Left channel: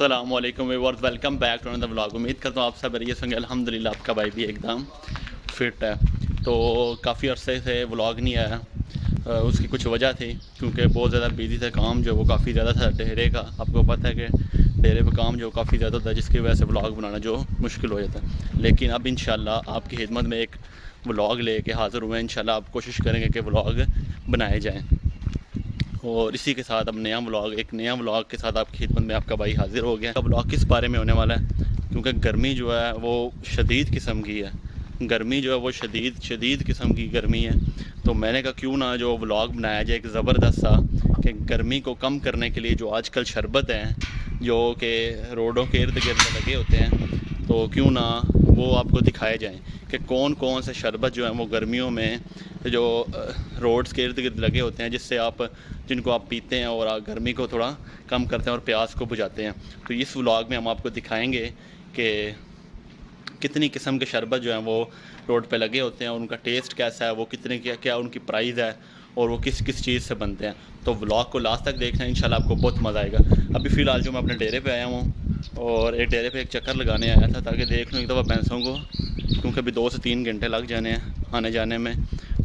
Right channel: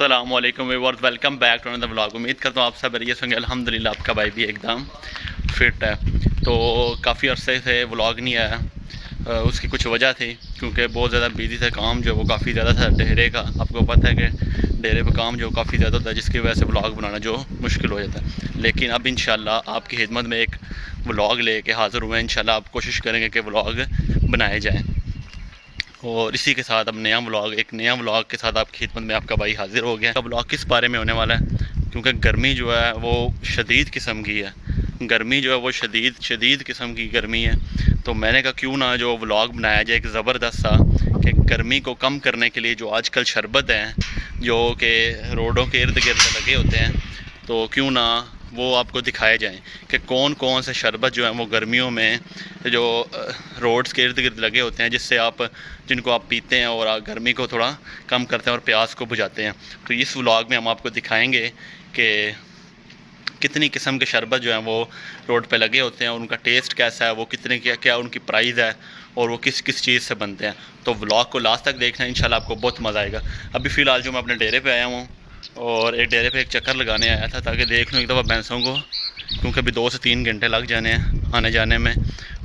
अस्सलामुअलैकुम viewers, welcome back to another vlog. उम्मीद करता हूँ आप सब बढ़िया होंगे। अल्हम्दुलिल्लाह आपका भाई भी एकदम फिट है। तो काफ़ी अरसे से व्लॉग नहीं आया। उसकी कुछ वजह थी क्योंकि बहुत ज़्यादा बिजी था। काम जो वो काफ़ी ज़्यादा था डेरे का। आपको पता है कि डेरे पे काम जो काफ़ी ज़्यादा होता है, जिसकी वजह से व्लॉग बनाना जो मुश्किल हो जाता है। लेकिन अब इंशाल्लाह आपकी खिदमत में एक व्लॉग लेके हाज़िर हुए हैं। इंशाल्लाह आप कोशिश करेंगे कि व्लॉग बनाए जाएँ। और इसी के साथ अब एक नया व्लॉग के साथ आपकी खिदमत में आपका भाई हाज़िर हो गया। व्लॉग किस बारे में होने वाला है, क्योंकि गर्मी जो है वो शदीद किस्म की है। गर्मी जो है वो शदीद किस्म की गर्मी है। तो मैंने कहा क्यों ना जो व्लॉग बनाया जाए एक ज़बरदस्त सा, कि गर्मी को कम करने के लिए जो आजकल शरबत हैं जो कि रोडों के इर्द गिर्द लगे होते हैं, तो क्यों ना वो आपको दिखाए जाएं कि कौन कौन से शरबत जो हैं वो गर्मियों में जो रोड्स के इर्द गिर्द लगे होते हैं, जिनको आप पीते हैं और गर्मी को थोड़ा कम करते हैं और प्यास को बुझाते हैं। तो इस व्लॉग में हम आपको दिखाएंगे कि कितनी किस्म के शरबत जो हैं वो रोड पे लगे होते हैं और उनका टेस्ट कैसा है, वो कितने क्या उनकी प्राइस है और वो किस किस चीज़ से बनते हैं। तो व्लॉग को लास्ट तक देखना, इंशाल्लाह आपको बहुत मज़ा आएगा। अभी फ़िलहाल जो मैं अपने डेरे पे आया हूँ और एक डेरे पे एक चक्कर लगाने आया था ताकि देख लूँ एक दफ़ा भैंसों को, क्योंकि अभी 2 से 3 घंटे लग जाने हैं आने जाने में।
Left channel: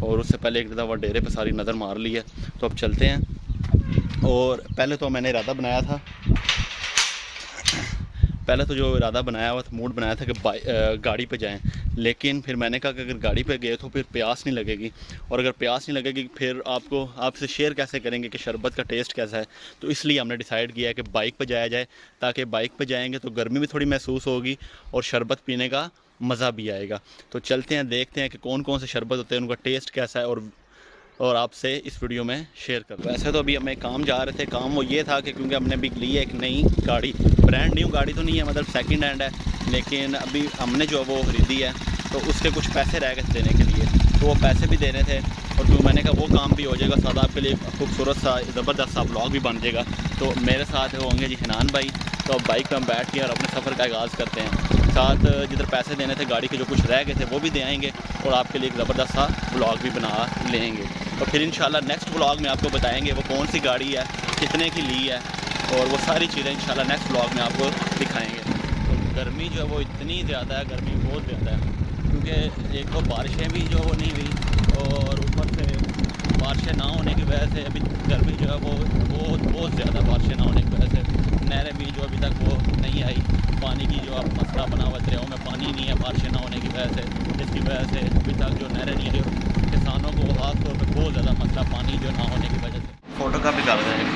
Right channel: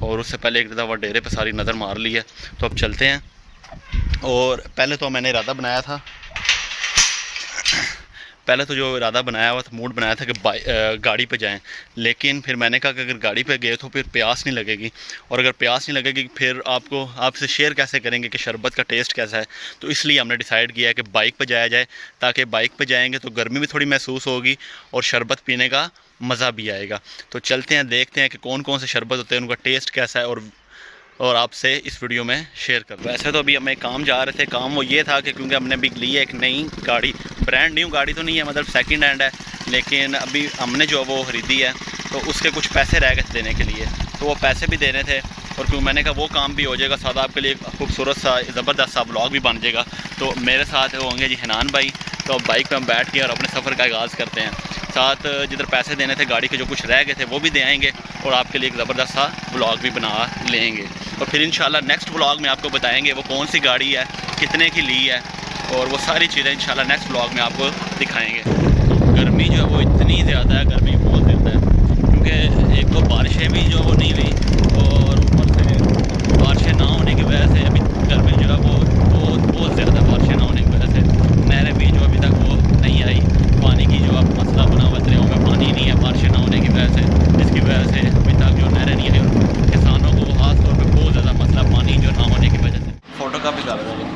और उससे पहले एक दफ़ा डेरे पे सारी नज़र मार ली है। तो अब चलते हैं। और पहले तो मैंने इरादा बनाया था, मूड बनाया था कि गाड़ी पे जाएं। लेकिन फिर मैंने कहा कि अगर गाड़ी पे गए तो फिर प्यास नहीं लगेगी, और अगर प्यास नहीं लगेगी फिर आपसे शेयर कैसे करेंगे कि शरबत का टेस्ट कैसा है। तो इसलिए हमने डिसाइड किया है कि बाइक पे जाया जाए, ताकि बाइक पे जाएंगे तो गर्मी भी थोड़ी महसूस होगी और शरबत पीने का मज़ा भी आएगा। तो चलते हैं, देखते हैं कि कौन कौन से शरबत होते हैं, उनका टेस्ट कैसा है, और आपसे इस वीडियो में शेयर कर। वैसे तो अभी हमें काम जा रहे थे। काम वो ये था कि क्योंकि हमने अभी ली है एक नई गाड़ी, ब्रांड न्यू गाड़ी तो नहीं है, मतलब सेकंड हैंड है, लेकिन अभी हमने जो वो ख़रीदी है तो उसके कुछ पैसे रह गए देने के लिए, तो वो पैसे भी देने थे। और क्योंकि मैंने कहा वो काम भी हो जाएगा, साथ आपके लिए खूबसूरत सा ज़बरदस्त सा ब्लॉग भी बन जाएगा। तो मेरे साथ होंगे जी हनान भाई। तो अब बाइक पर हम बैठ के और अपने सफ़र का आगाज़ करते हैं। साथ जिधर पैसे देने थे गाड़ी के जो कुछ रह गए थे वो भी दे आएंगे, और आपके लिए एक ज़बरदस्त सा व्लॉग भी बना लेंगे। और फिर इंशाल्लाह नेक्स्ट व्लॉग में आपको बताएंगे वो कौन सी गाड़ी है, कितने की ली है, और वो सारी चीज़ें इंशाल्लाह नेक्स्ट व्लॉग में आपको दिखाएंगे। तो गर्मी जो है वो इतनी ज़्यादा है, गर्मी बहुत ज़्यादा है, क्योंकि एक तो बारिशें भी जो वो नहीं हुई, और ऊपर से बारिशें ना होने की वजह से अभी गर्मी जो है वो बहुत ज़्यादा, बारिशें ना होने की वजह से नहरें भी जो अभी तक वो नहीं आई। पानी की जो अब मसला बना हुआ, दरियाओं में पानी नहीं है बारिशें ना होने की वजह से, जिसकी वजह से अभी तक जो नहरें नहीं आई, और किसानों को ख़ास तौर पे बहुत ज़्यादा मसला पानी जो ना होने की वजह से। फ़ोटो कापी कर रहे हैं।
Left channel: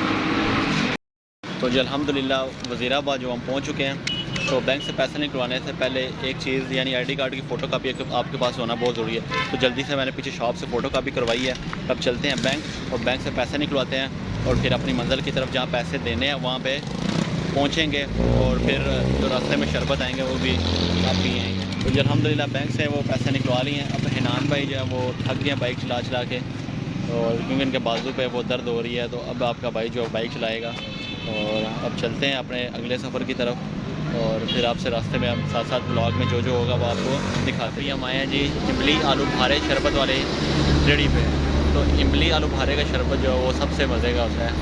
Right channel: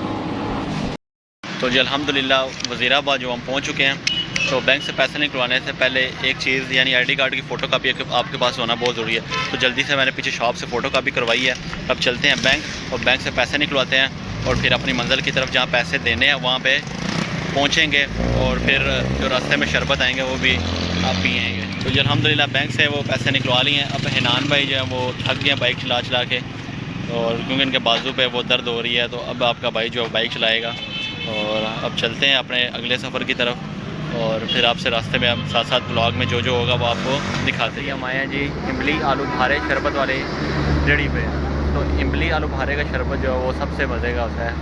तो जी अल्हम्दुलिल्लाह वज़ीराबाद जो हम पहुँच चुके हैं। तो बैंक से पैसे निकलवाने से पहले एक चीज़ यानी ID कार्ड की फ़ोटो कापी आपके पास होना बहुत ज़रूरी है। तो जल्दी से मैंने पीछे शॉप से फ़ोटो कापी करवाई है। अब चलते हैं बैंक, और बैंक से पैसे निकलवाते हैं, और फिर अपनी मंजिल की तरफ जहाँ पैसे देने हैं वहाँ पे पहुँचेंगे, और फिर जो रास्ते में शरबत आएंगे वो भी आप पिएँगे। तो जी अल्हम्दुलिल्लाह बैंक से वो पैसे निकलवा लिए हैं। अब हनान भाई जो है वो थक गए बाइक चला चला के, और क्योंकि इनके बाजू पे वो दर्द हो रही है, तो अब आपका भाई जो है बाइक चलाएगा। और अब चलते हैं अपने अगले सफ़र की तरफ, और फिर आपसे रास्ते में हम साथ साथ ब्लॉग में जो होगा वो आपको दिखाते हैं। हम आए हैं जी इमली आलू बुखारे शरबत वाले रेडी पे। तो इमली आलू बुखारे का शरबत जो है वो सबसे मज़े का होता है,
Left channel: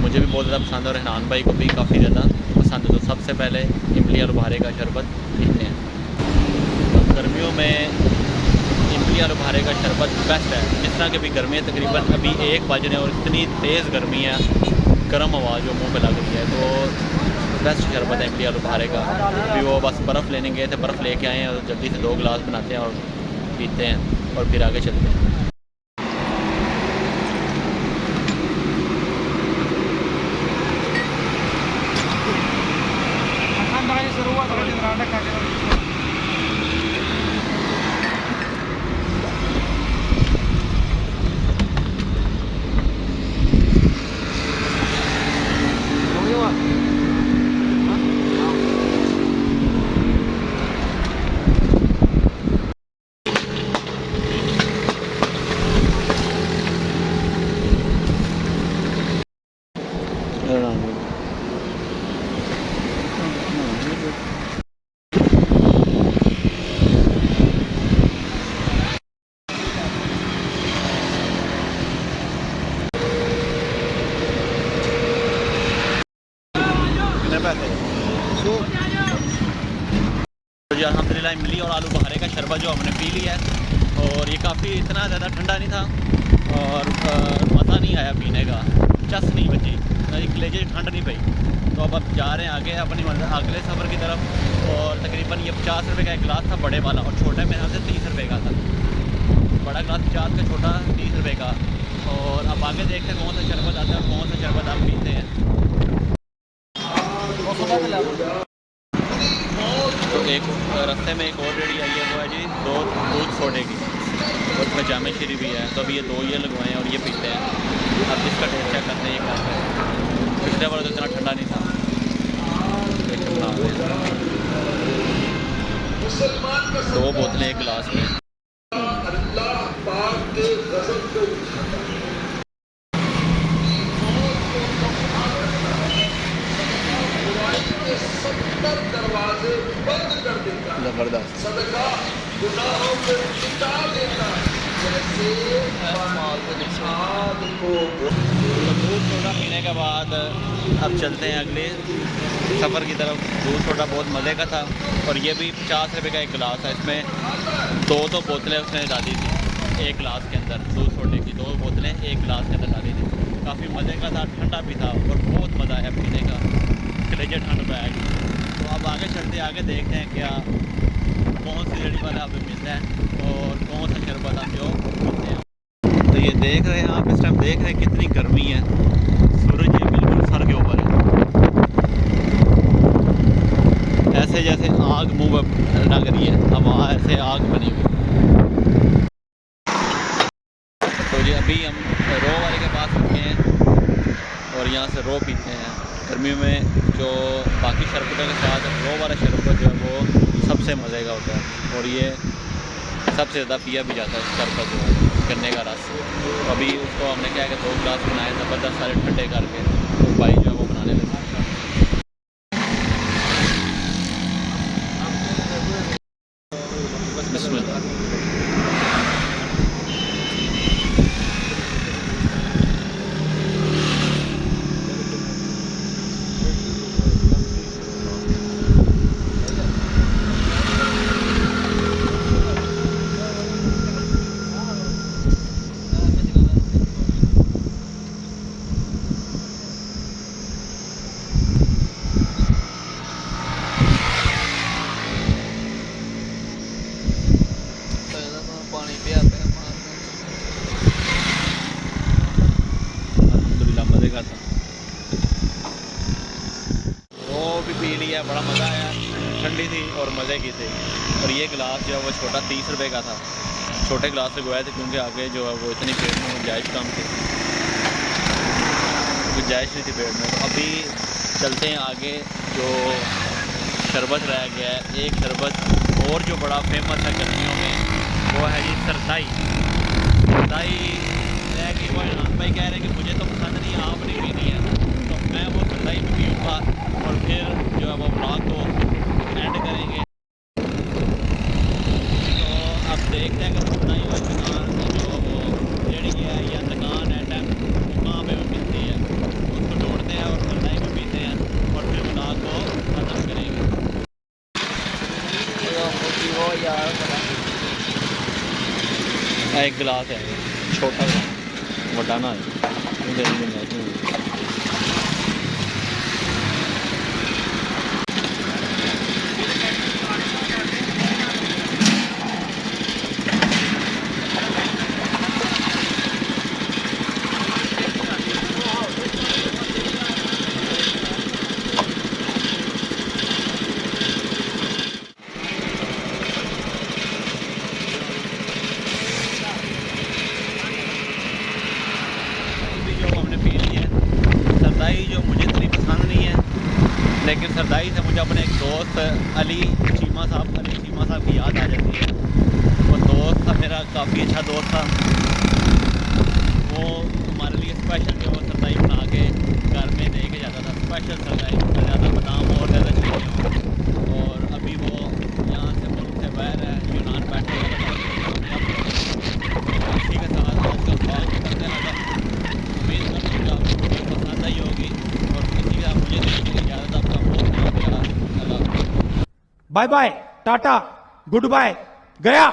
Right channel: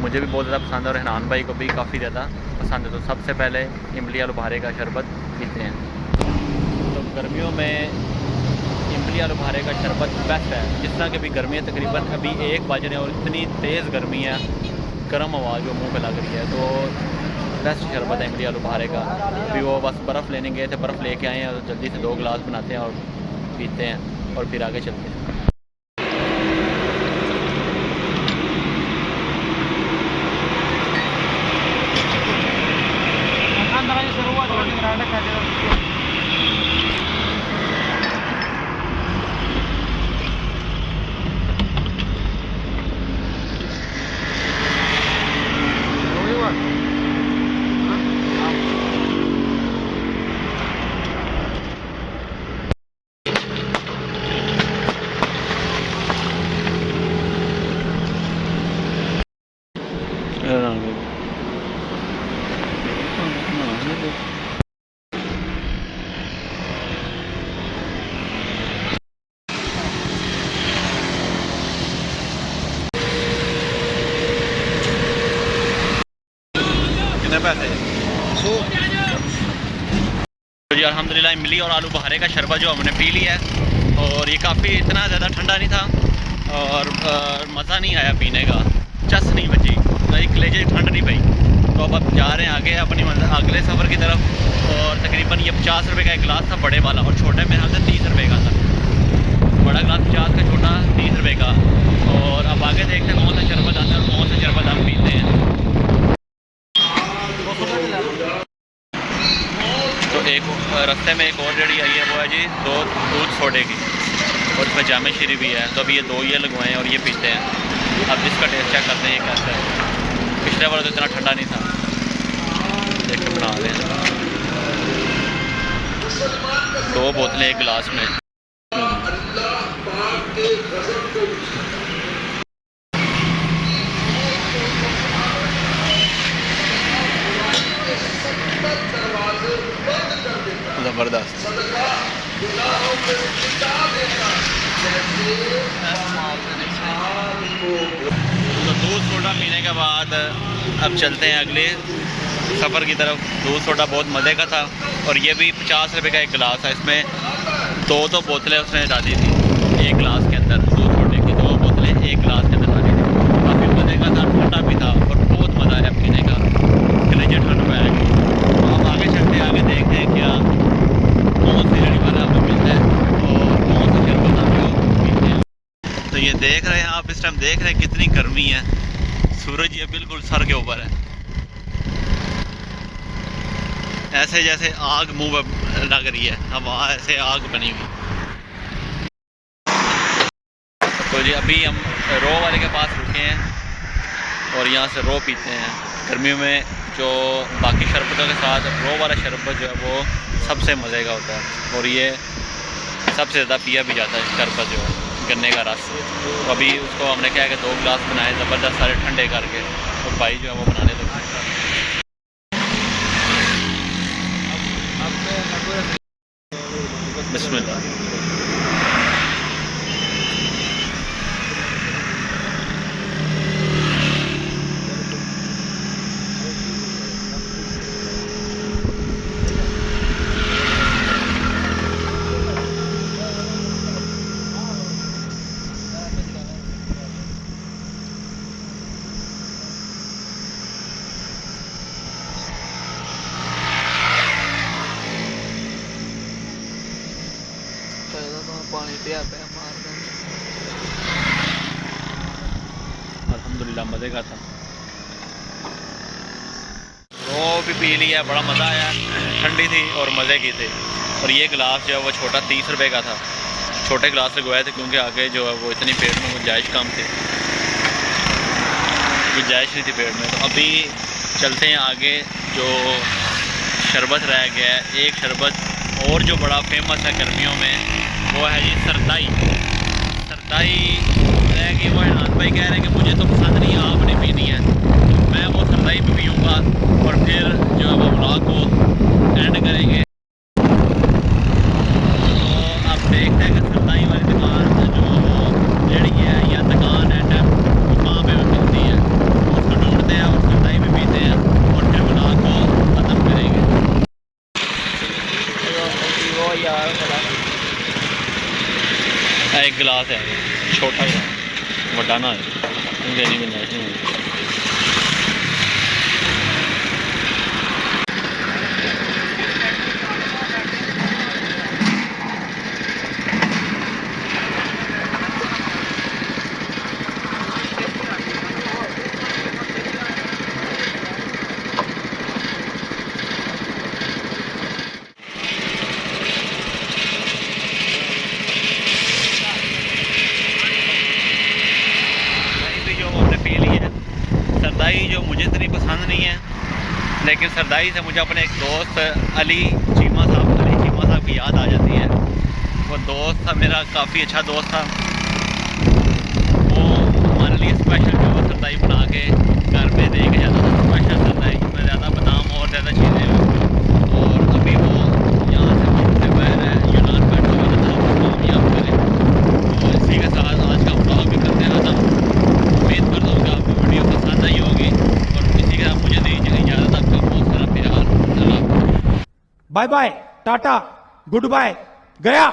मुझे भी बहुत ज़्यादा पसंद है और हनान भाई को भी काफ़ी ज़्यादा पसंद है। तो सबसे पहले इमली आलू बुखारे का शरबत पीते हैं। तो गर्मियों में इमली आलू बुखारे का शरबत बेस्ट है। जिस तरह की अभी गर्मी है, तकरीबन अभी 1 बज रहे हैं और इतनी तेज़ गर्मी है, गर्म हवा जो मुंह पे लग रही है, तो बेस्ट शरबत है इमली आलू बुखारे का। अभी वो बस बर्फ़ लेने गए थे, बर्फ़ लेके आए हैं, और जल्दी से 2 गिलास बनाते हैं और पीते हैं, और फिर आगे चलते हैं। कितने पैसे? तो जी अल्हम्दुलिल्लाह इमली और आलू बहारे का शरबत जो हमने पी लिया है, और ये काफ़ी इतना ज़्यादा ठंडा नहीं था और मज़ा नहीं आया पीने का, चस नहीं बची, कलेजे ठंड नहीं पई। तो अब जा रहे हैं आगे अपनी अगले सफ़र की तरफ, और तकरीबन ये 50 रुपये का एक गिलास था बड़े वाला, और छोटे मेरे ख्याल से 30 रुपये का था। बड़ा गिलास 50 का, छोटा 30 रुपये का। और अब आगे देखते हैं कौन सा शरबत आता है और कौन सा शरबत हम पीते हैं। तो एक रास्ते में एक और रेडी आई है, वो है जी 2 दूध सोडे की, और इसमें जामे शीरी भी है। तो अभी ये 2 ये लगवाएं और ये पीते हैं। अब इसका टेस्ट चेक करते हैं ये कैसा है। पिछले बार तो इतना ठंडा नहीं था। देख के बना रहे हैं 2 बोतलें एक गिलास में। ज़बरदस्त। तो दूध सोडा पीने के बाद अब चलते हैं अगले सफ़र की तरफ। दूध सोडा बहुत मज़े का था, और ये भी 50 रुपये का एक गिलास है। इसमें 2 बोतलें उसने डाली थी एक गिलास के अंदर। दूध सोडे की 2 बोतलें एक गिलास के अंदर डाली थी। काफ़ी मज़े का था, ठंडा भी था, और बहुत मज़ा आया पीने का। कलेजे ठंड में आएगी। तो अब आगे चलते हैं, आगे देखते हैं क्या कौन सी रेडी वाला हमें मिलता है और कौन सा शरबत हम जो पीते हैं। तो ये देख रहे हैं आप, इस टाइम देख रहे हैं कितनी गर्मी है। सूरज ये बिल्कुल सर के ऊपर है, ऐसे जैसे आग मुंह में लग रही है, हवा ऐसे आग बनी हुई। तो जी अभी हम रो वाले के पास रुके हैं और यहाँ से रो पीते हैं। गर्मियों में जो बाकी शरबतों के साथ रो वाला शरबत जो है वो सबसे मज़े का होता है, और ये सबसे ज़्यादा पिया भी जाता है शरबत जो है, गन्ने का रस। तो अभी उसको हमने क्या है कि 2 गिलास बनाए ज़बरदस्त सारे ठंडे करके, और भाई जो है वो बनाने लगे। बिस्मिल्लाह। अल्हम्दुलिल्लाह मज़े का था। वो भी पी लिया, बड़ा मज़ा आया, ठंडी थी और मज़े की थी। और ये गिलास जो है वो छोटा 30 रुपये का था। छोटे गिलास से गए थे क्योंकि आगे जो है वो इतनी पेट में गुंजाइश कम थी, गुंजाइश नहीं थी पेट में। तो अभी चलते हैं आगे। जो शरबत रह गया है, एक शरबत और जो बड़ा फेमस है गर्मियों में, वो है जी सरदाई। सरदाई रह गई, वो इनान भाई कह रहे हैं कि मुझे तो पसंद नहीं है, आपने पीनी है, तो मैं वो सरदाई भी पीऊँगा, और फिर जो है वो व्लॉग को एंड करेंगे। तो अब देखते हैं कि सरदाई वाली दुकान जो वो रेडी है या दुकान है टाइम वो कहाँ पे मिलती है, उसको ढूंढते हैं और सरदाई भी पीते हैं, और फिर व्लॉग को ख़त्म करेंगे। एक गिलास है, छोटा गिलास, बड़ा ना है, देनी गुंजाइश नहीं है। पी ली है सरदाई, जो मुझे इतनी पसंद नहीं है, लेकिन सरदाई से मुझे अपने एक दोस्त अली चीमा साहब की याद आ जाती है। वो दोस्त था मेरा, काफ़ी अच्छा दोस्त था। वो हमारे लिए स्पेशल जो है सरदाई बना के घर पे दे के जाता था, स्पेशल सरदाई जिसमें ज़्यादा बादाम और ज़्यादा चीज़ें होंगी। और अभी वो यहाँ से मुझसे बाहर है, यूनान बैठे तो इसी के साथ आज का ब्लॉग भी करते हैं ना। उम्मीद करता हूँ कि आपको वीडियो पसंद आई होगी, और इसी के साथ मुझे दीजिए इजाज़त। आपका बहुत सारा प्यार। Bye bye, tata, goodbye, गया।